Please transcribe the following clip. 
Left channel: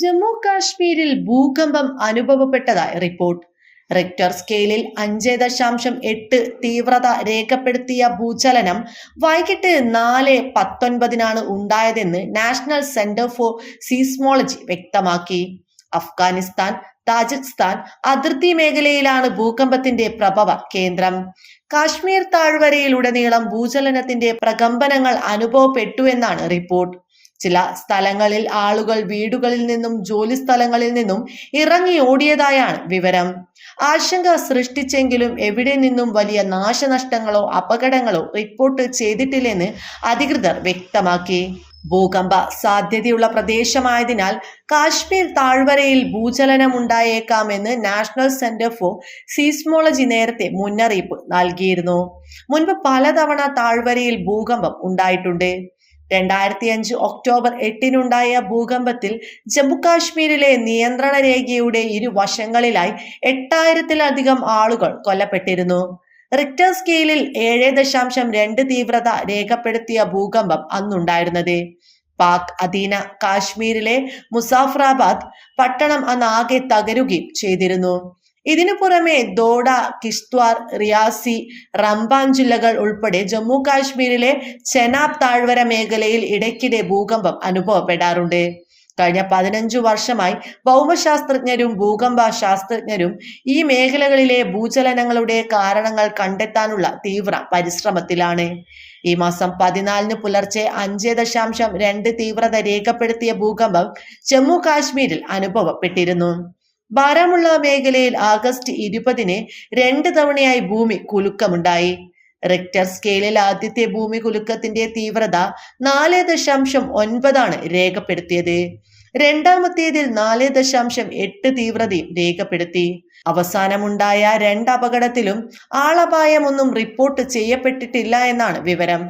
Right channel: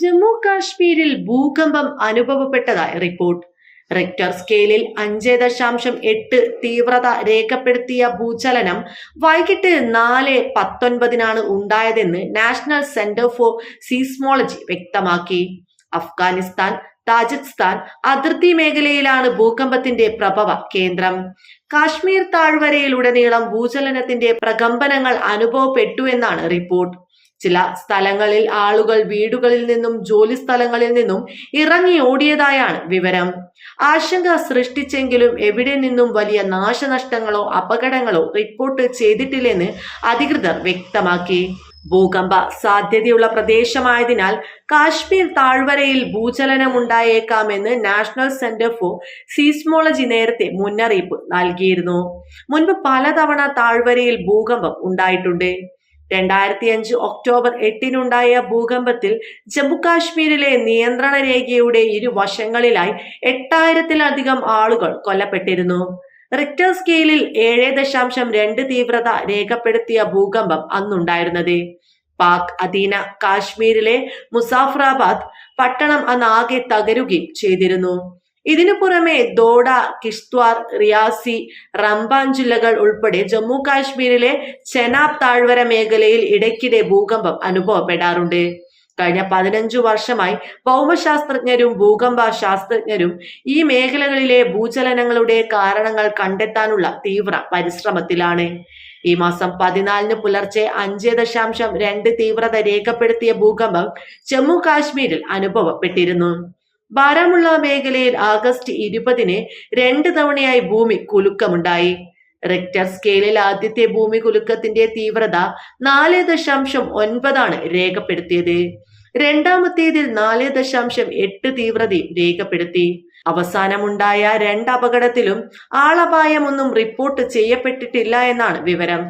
ജമ്മു കാശ്മീരിൽ ഭൂകമ്പം അനുഭവപ്പെട്ടതായി report. Richter സ്കെയിലിൽ അഞ്ച് ദശാംശം എട്ട് തീവ്രത രേഖപ്പെടുത്തിയ ഭൂചലനം വൈകിട്ട് നാല് പത്തൊൻപതിനാണ് ഉണ്ടായതെന്ന് നാഷണൽ സെന്റർ ഫോർ സീസ്മോളജി വ്യക്തമാക്കി. അഫ്ഗാനിസ്ഥാൻ താജിക്സ്ഥാൻ അതിർത്തി മേഖലയിലാണ് ഭൂകമ്പത്തിന്റെ പ്രഭവ കേന്ദ്രം. കാശ്മീർ താഴ്വരയിലുടനീളം ഭൂചലനത്തിന്റെ പ്രകമ്പനങ്ങൾ അനുഭവപ്പെട്ടു എന്നാണ് റിപ്പോർട്ട്. ചില സ്ഥലങ്ങളിൽ ആളുകൾ വീടുകളിൽ നിന്നും ജോലി സ്ഥലങ്ങളിൽ നിന്നും ഇറങ്ങി ഓടിയതായാണ് വിവരം. ആശങ്ക സൃഷ്ടിച്ചെങ്കിലും എവിടെ നിന്നും വലിയ നാശനഷ്ടങ്ങളോ അപകടങ്ങളോ റിപ്പോർട്ട് ചെയ്തിട്ടില്ലെന്ന് അധികൃതർ വ്യക്തമാക്കി. ഭൂകമ്പ സാധ്യതയുള്ള പ്രദേശമായതിനാൽ കാശ്മീർ താഴ്വരയിൽ ഭൂചലനം ഉണ്ടായേക്കാമെന്ന് നാഷണൽ സെന്റർ ഫോർ സീസ്മോളജി നേരത്തെ മുന്നറിയിപ്പ് നൽകിയിരുന്നു. മുൻപ് പലതവണ താഴ്വരയിൽ ഭൂകമ്പം ഉണ്ടായിട്ടുണ്ട്. രണ്ടായിരത്തി അഞ്ച് ഒക്ടോബർ എട്ടിനുണ്ടായ ഭൂകമ്പത്തിൽ ജമ്മുകാശ്മീരിലെ നിയന്ത്രണ രേഖയുടെ ഇരുവശങ്ങളിലായി എട്ടായിരത്തിലധികം ആളുകൾ കൊല്ലപ്പെട്ടിരുന്നു. റിക്ടർ സ്കെയിലിൽ ഏഴ് ദശാംശം രണ്ട് തീവ്രത രേഖപ്പെടുത്തിയ ഭൂകമ്പം അന്നുണ്ടായിരുന്നത്. പാക് അധീന കാശ്മീരിലെ മുസാഫറാബാദ് പട്ടണം അന്ന് ആകെ തകരുകയും ചെയ്തിരുന്നു. ഇതിനു പുറമെ ദോഡ കിഷ്ത്വാർ റിയാസി റംബാൻ ജില്ലകൾ ഉൾപ്പെടെ ജമ്മു കാശ്മീരിലെ ചെനാബ് താഴ്വര മേഖലയിൽ ഇടയ്ക്കിടെ ഭൂകമ്പം അനുഭവപ്പെടാറുണ്ട്. കഴിഞ്ഞ പതിനഞ്ചു വർഷമായി ഭൗമശാസ്ത്രജ്ഞരും ഭൂകമ്പ ശാസ്ത്രജ്ഞരും ഈ മേഖലകളിലെ ഭൂചലനങ്ങളുടെ കാരണങ്ങൾ കണ്ടെത്താനുള്ള തീവ്ര പരിശ്രമത്തിലാണ്. ഈ മാസം പതിനാലിന് പുലർച്ചെ അഞ്ച് ദശാംശം രണ്ട് തീവ്രത രേഖപ്പെടുത്തിയ ഭൂകമ്പം ജമ്മു കാശ്മീരിൽ അനുഭവപ്പെട്ടിരുന്നു. ബാരാമുള്ള മേഖലയിൽ ആഗസ്റ്റ് ഇരുപതിന് രണ്ട് തവണയായി ഭൂമി കുലുക്കമുണ്ടായി. റിക്ടർ സ്കെയിലിൽ ആദ്യത്തെ ഭൂമി കുലുക്കത്തിന്റെ തീവ്രത നാല് ദശാംശം ഒൻപതാണ് രേഖപ്പെടുത്തിയത്. രണ്ടാമത്തേതിൽ നാല് ദശാംശം എട്ട് തീവ്രതയും രേഖപ്പെടുത്തി. അവസാനമുണ്ടായ രണ്ട് അപകടത്തിലും ആളപായമൊന്നും റിപ്പോർട്ട് ചെയ്യപ്പെട്ടിട്ടില്ല എന്നാണ് വിവരം.